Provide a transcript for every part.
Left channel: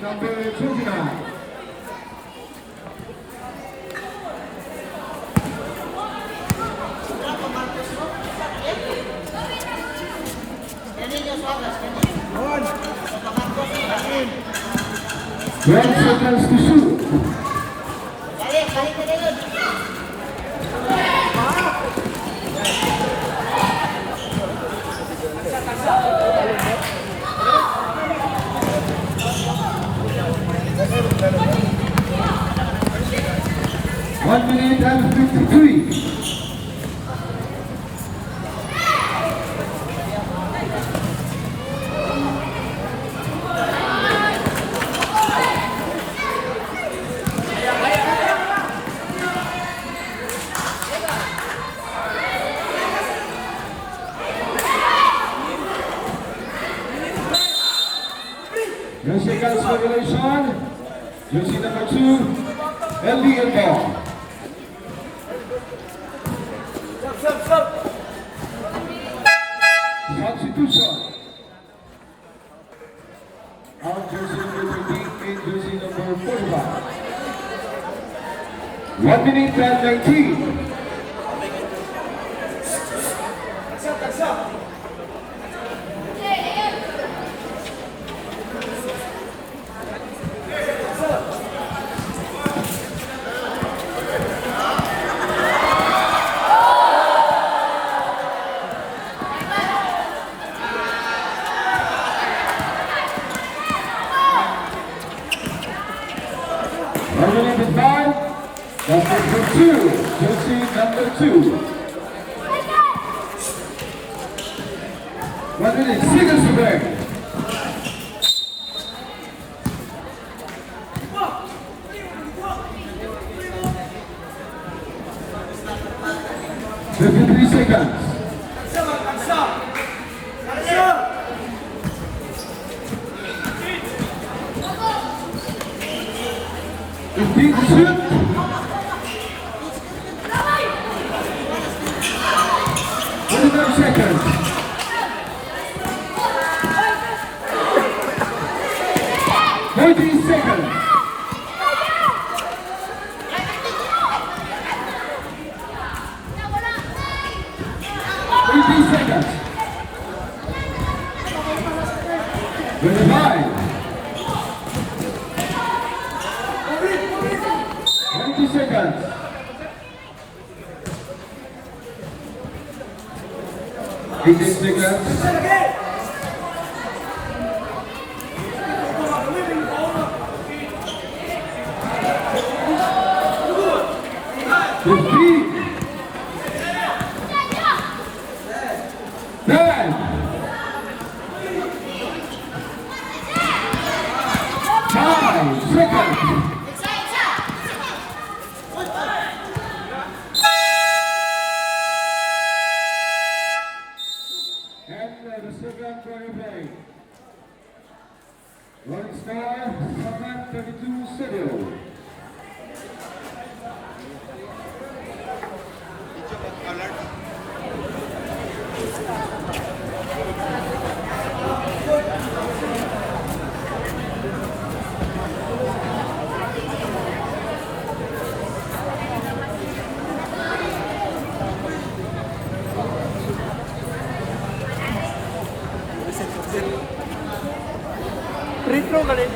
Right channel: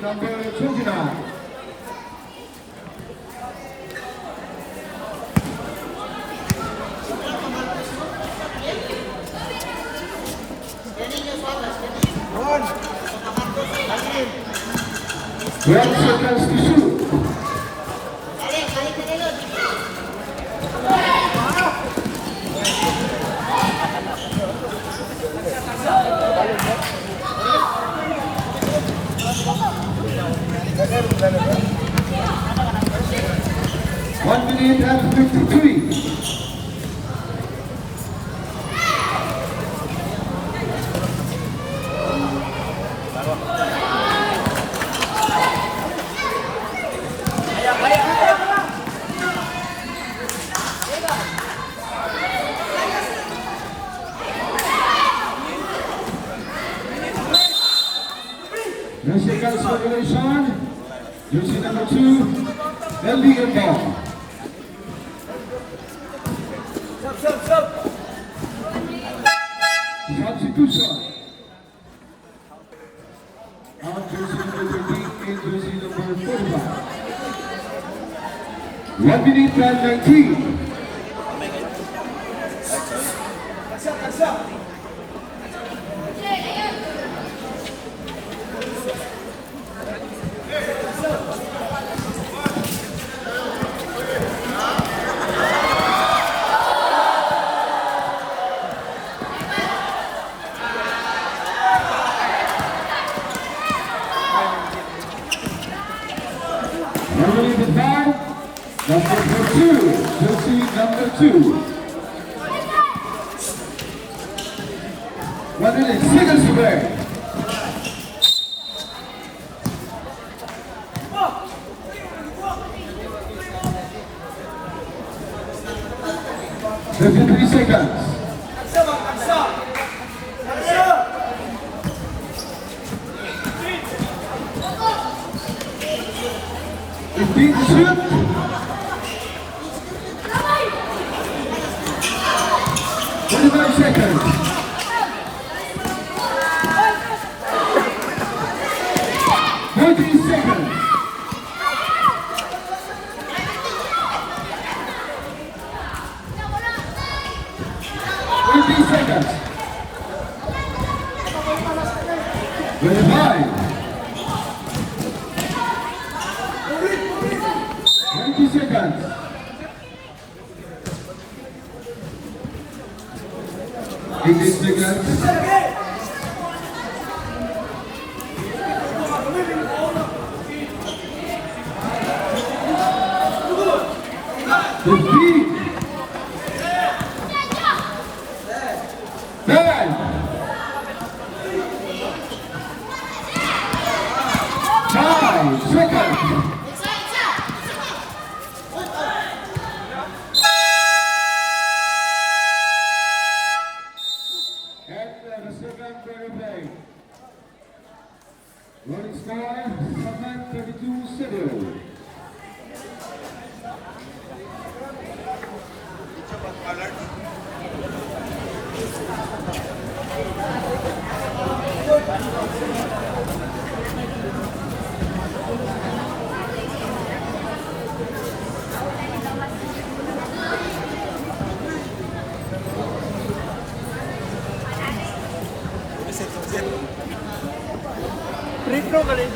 number 29. Well, seconds to shoot. 1 minute and 53. No seconds for regulation. Jersey number 2, LB and ball. Substitution. Out jersey number 13, in jersey number 45. 1 minute and 19. Number 2, jersey number 2. 1 minute, seconds to break. Fifty-three seconds. Shoot. 25 seconds. 14 seconds. 18 seconds. 25. 20 seconds. 18 seconds. 15. 9. 5 seconds. Rolling star, Saman 32-7. Retro ka rin.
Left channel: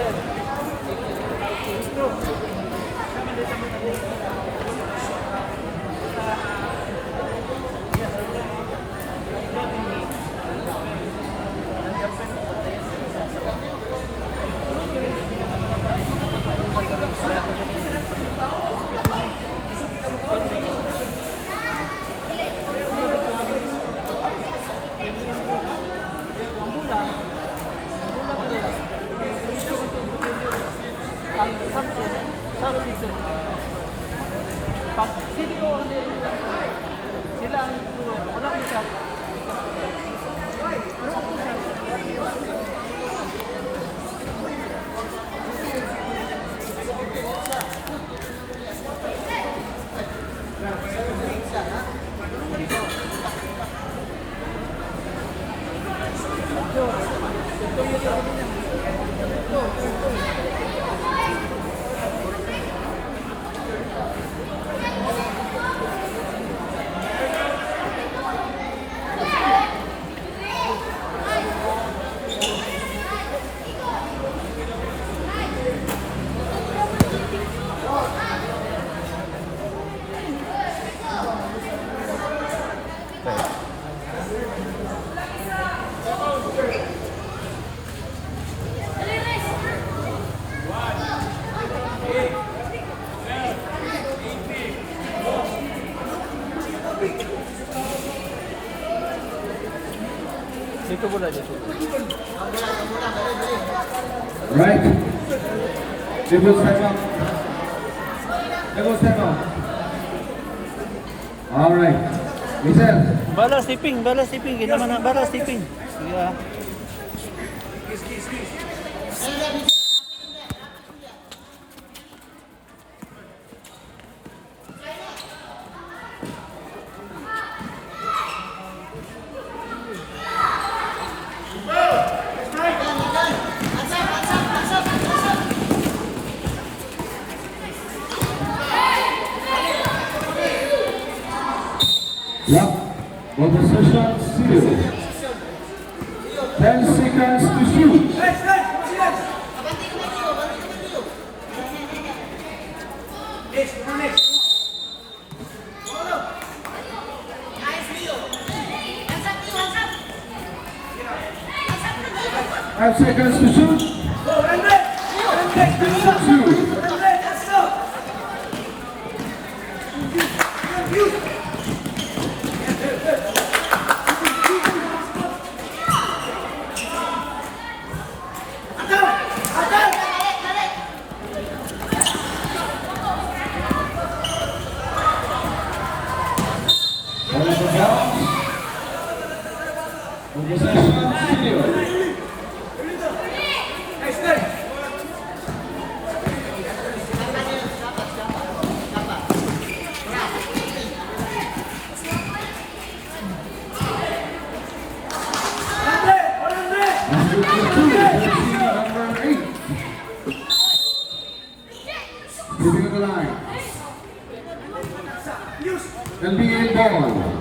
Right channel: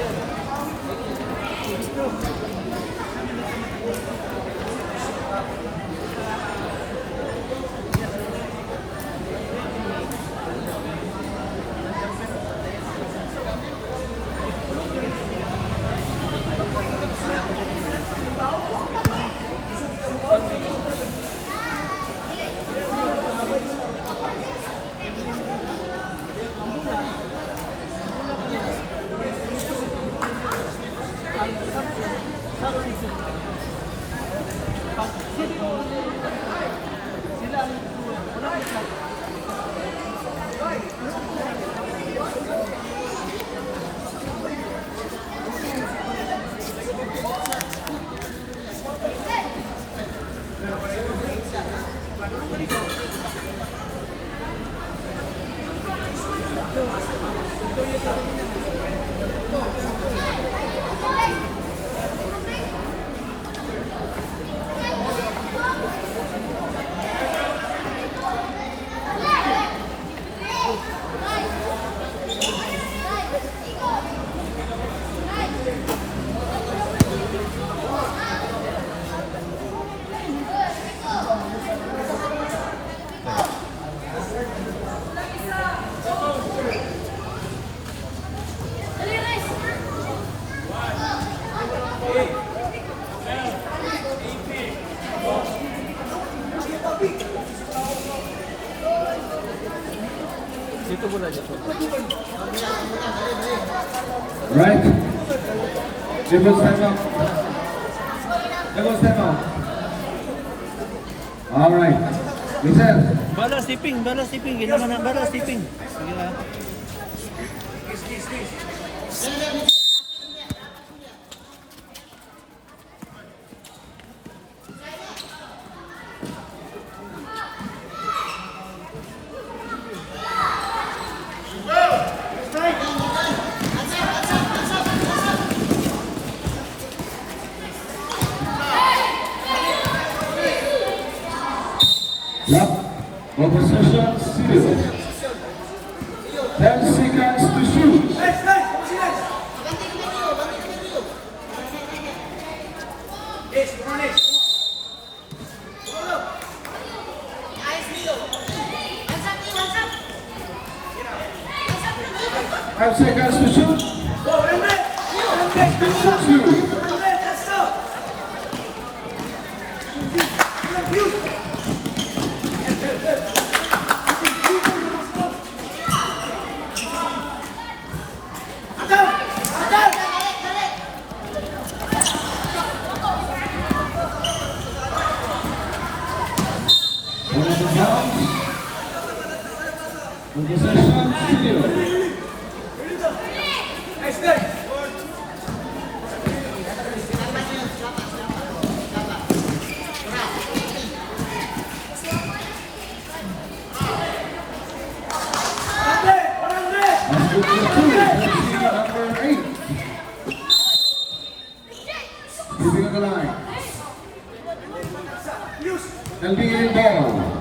Dito mula, dito. Right. Dribble step up. Dribble step up. All right. Listen. Balas tiping, balas tiping. Kailangan na balas tiping. Sige ah. Lock. Ball possession. Zero. 10 seconds to shoot. Five seconds to shoot. Two. Moving on the line. NBA ball.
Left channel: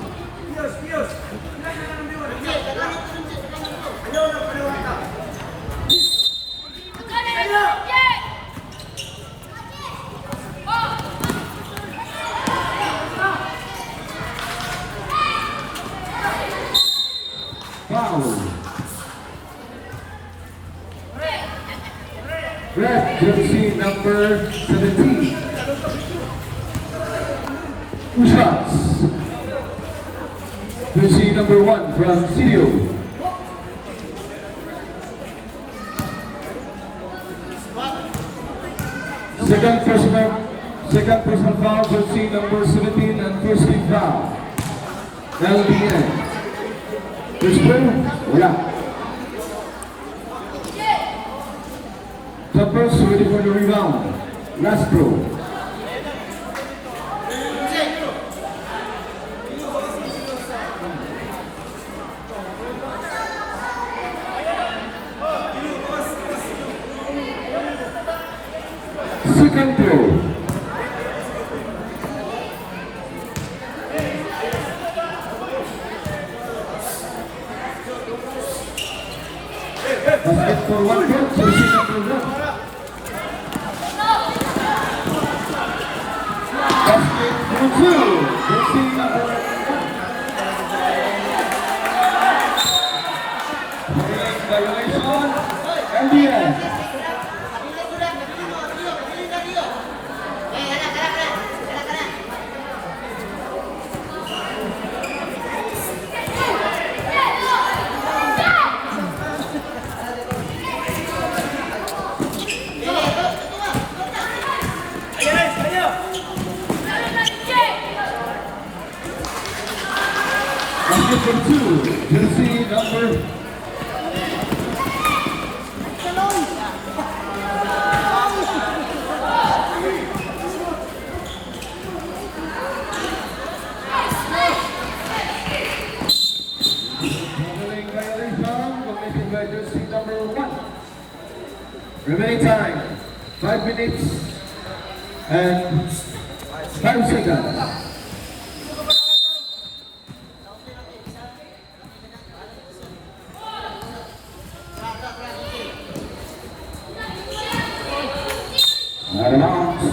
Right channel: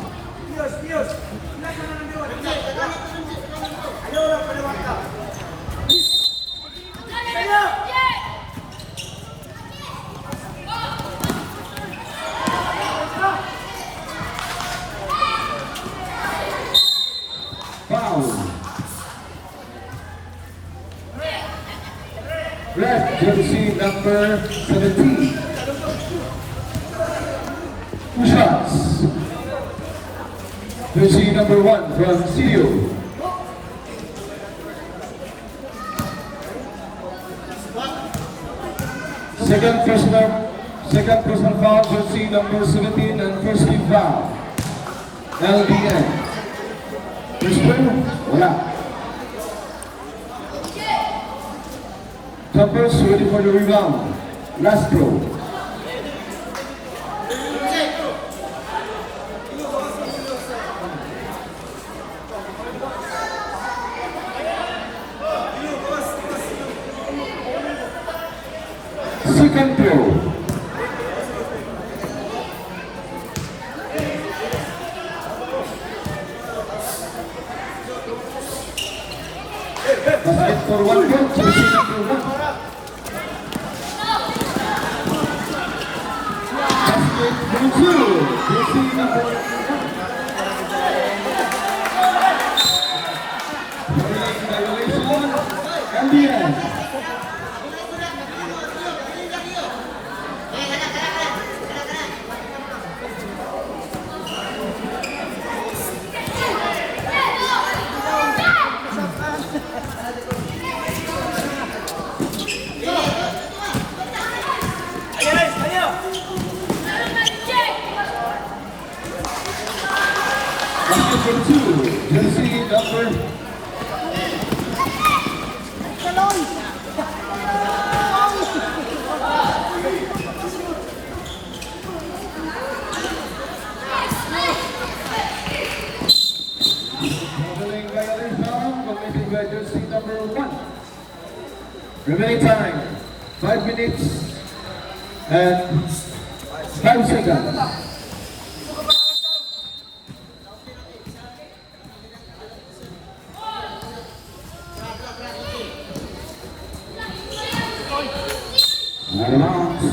Foul. Red jersey number 17. Two shots. Jersey number 1 from CDO. Second personal foul, jersey number 17 and first team foul. LBN. First play, wala. Jumpers ready for the rebound. Last throw. Second throw. Basket for 1 point, jersey number 1. Basket for 2, jersey number 1. Violation, NBA. Basket for 2, jersey number 1. Remaining time 5 minutes and 5 seconds. Out of bounds.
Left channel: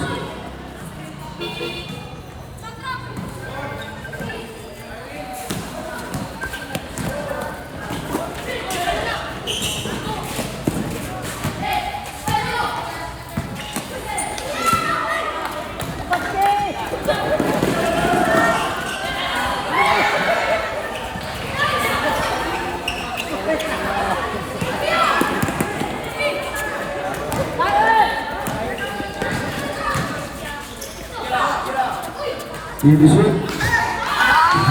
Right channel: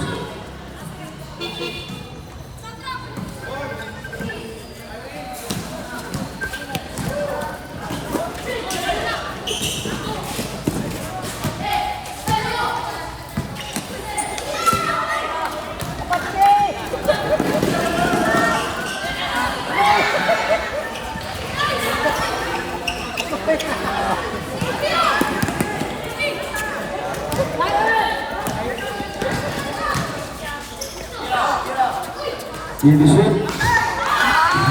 Leadership.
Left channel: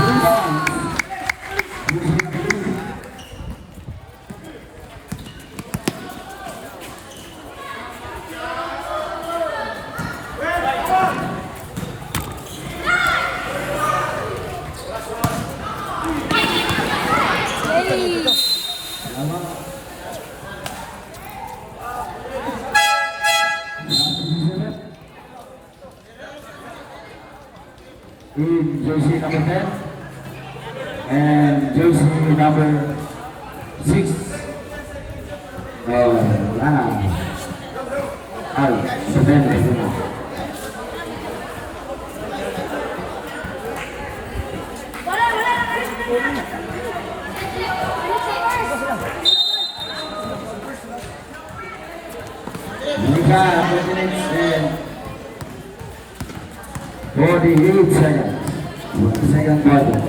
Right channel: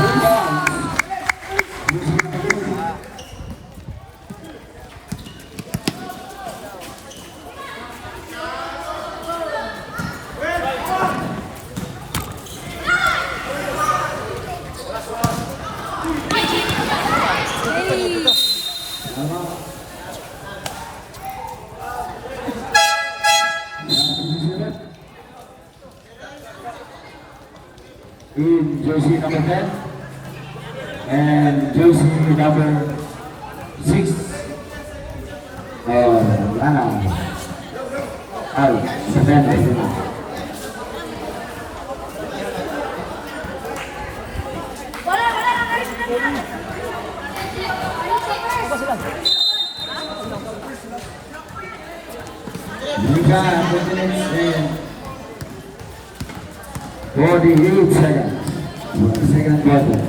Rebounds. Jersey number 2. In jersey number 10 and jersey number 6. Depende. And 48 seconds. Second quarter.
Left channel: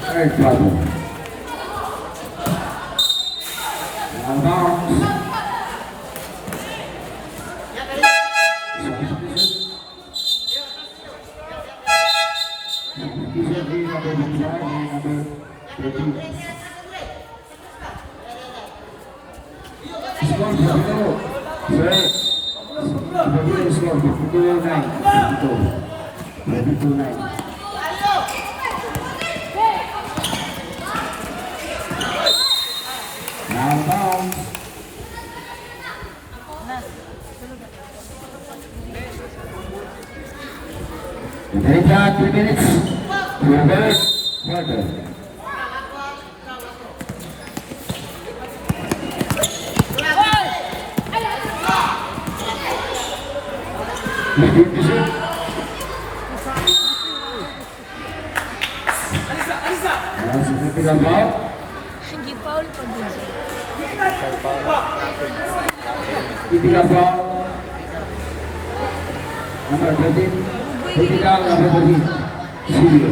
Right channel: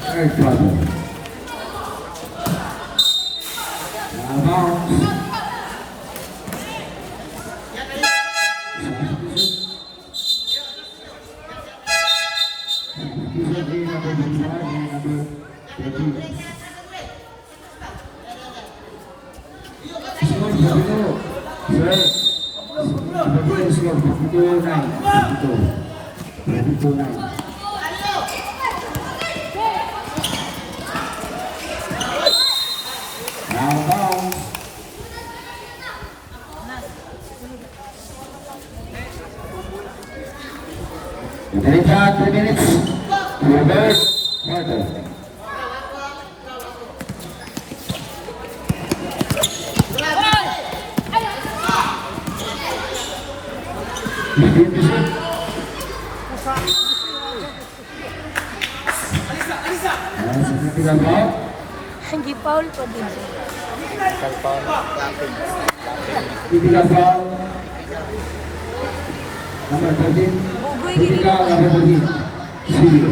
Third quarter. Bounce. Now bounce. Take back 2 minutes. Reverse quarter. Significant foul. Significant foul. Number 13. Critical number 13. Studio.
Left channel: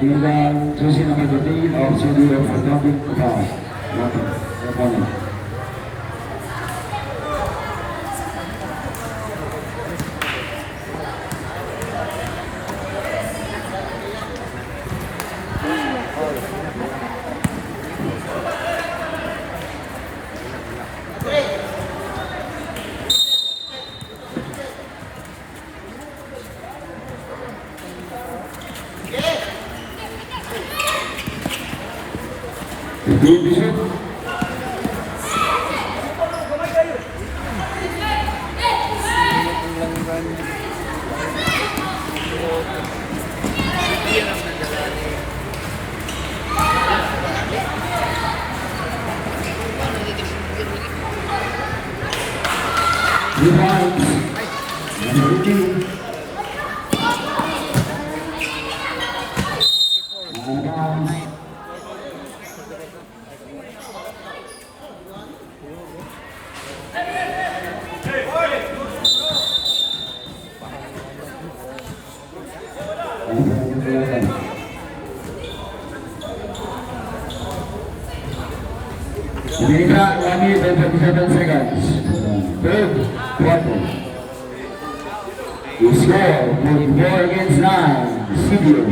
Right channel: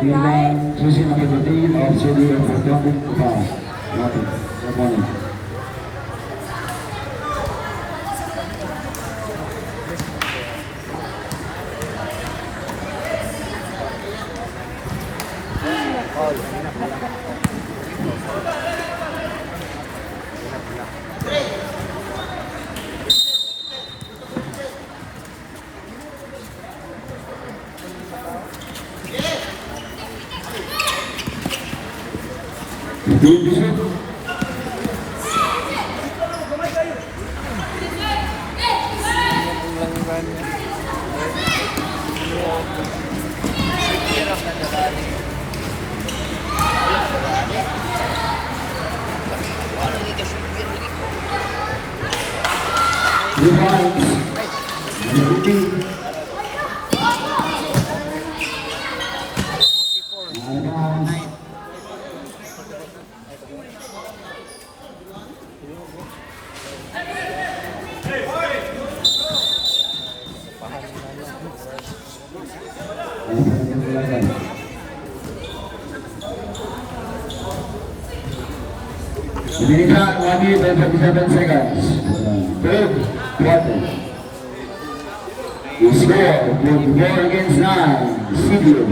Rebound, jersey number 13 of Studio for Dominic Foul. Nothing. Opponent. America, 1 minute and 37 seconds. Third quarter. The score, 44 against 9. Studio.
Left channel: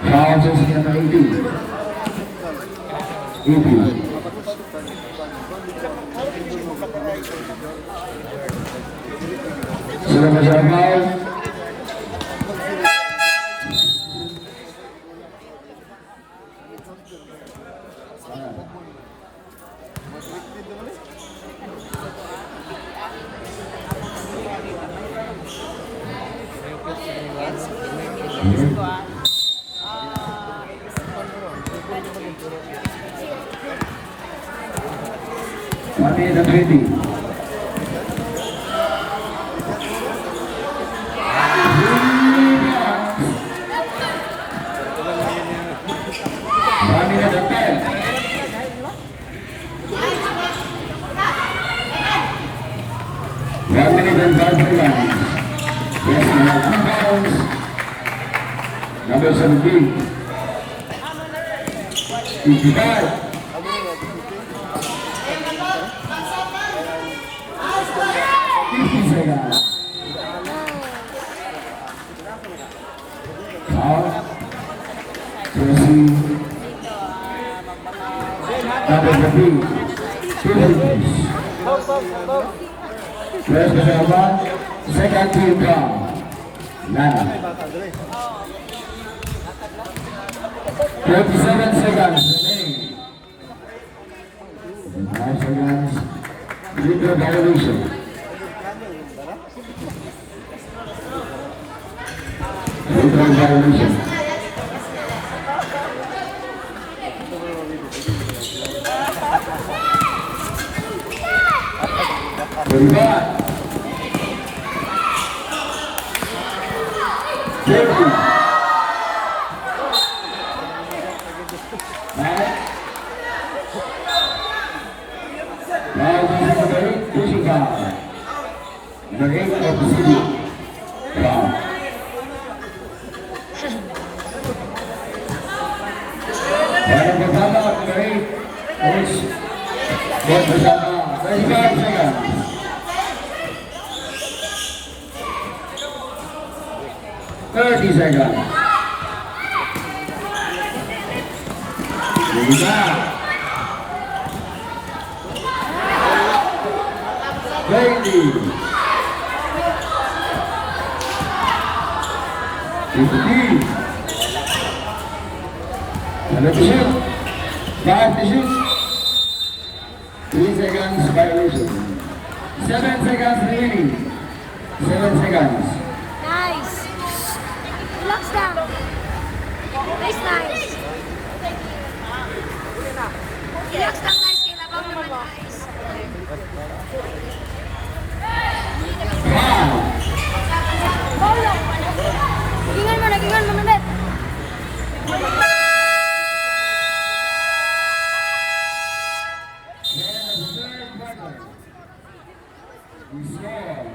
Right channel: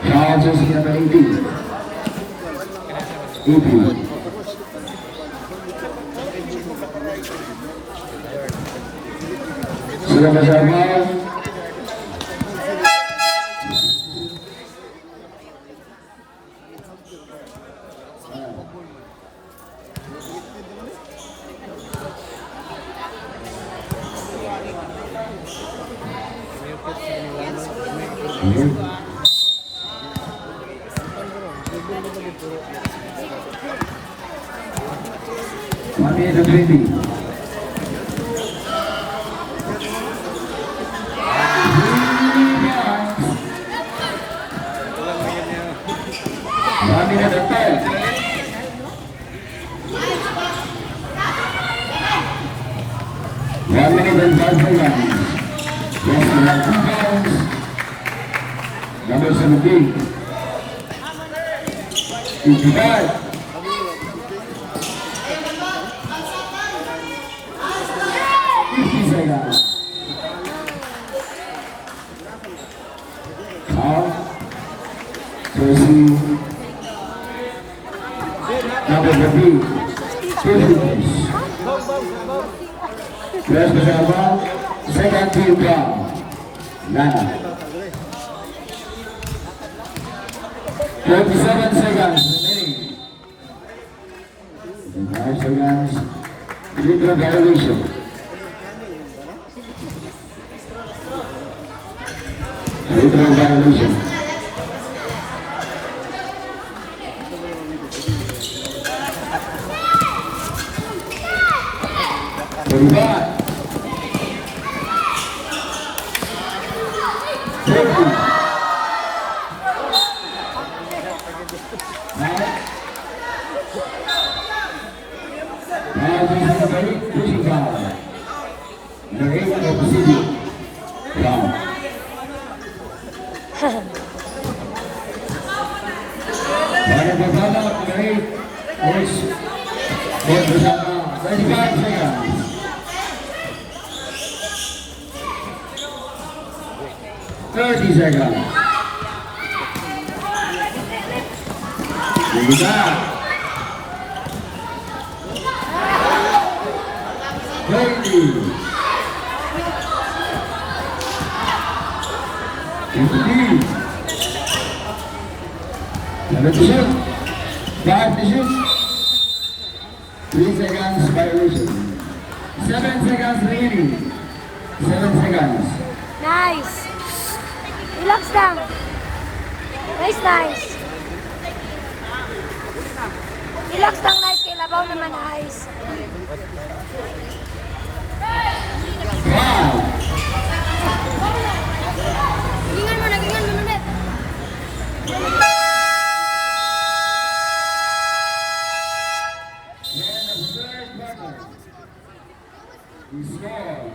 Foul jersey number 18. 18. Sudah bersama. Money is a 20. Number 17. 55. 50 seconds. Out. Jersey. Number 15. 2 seconds. First number 1. Second team down. Lana. 27 seconds remaining. 5 seconds. Legal violation. Legal violation. Forty-five. 40. Pushing down. The ring of the city. Down. Para bersama dari coach bersama 35 seconds. 30 seconds. Juga. 20. 15. Ada to shoot. 5 to shoot. 3 seconds violation. 7 seconds remaining. 7 seconds. Nice. Relax lang. Nice, nice. Relax lang, nice. Kailabaw naman, nice. 5. Paulo. Gingan mo na, mandat. We score.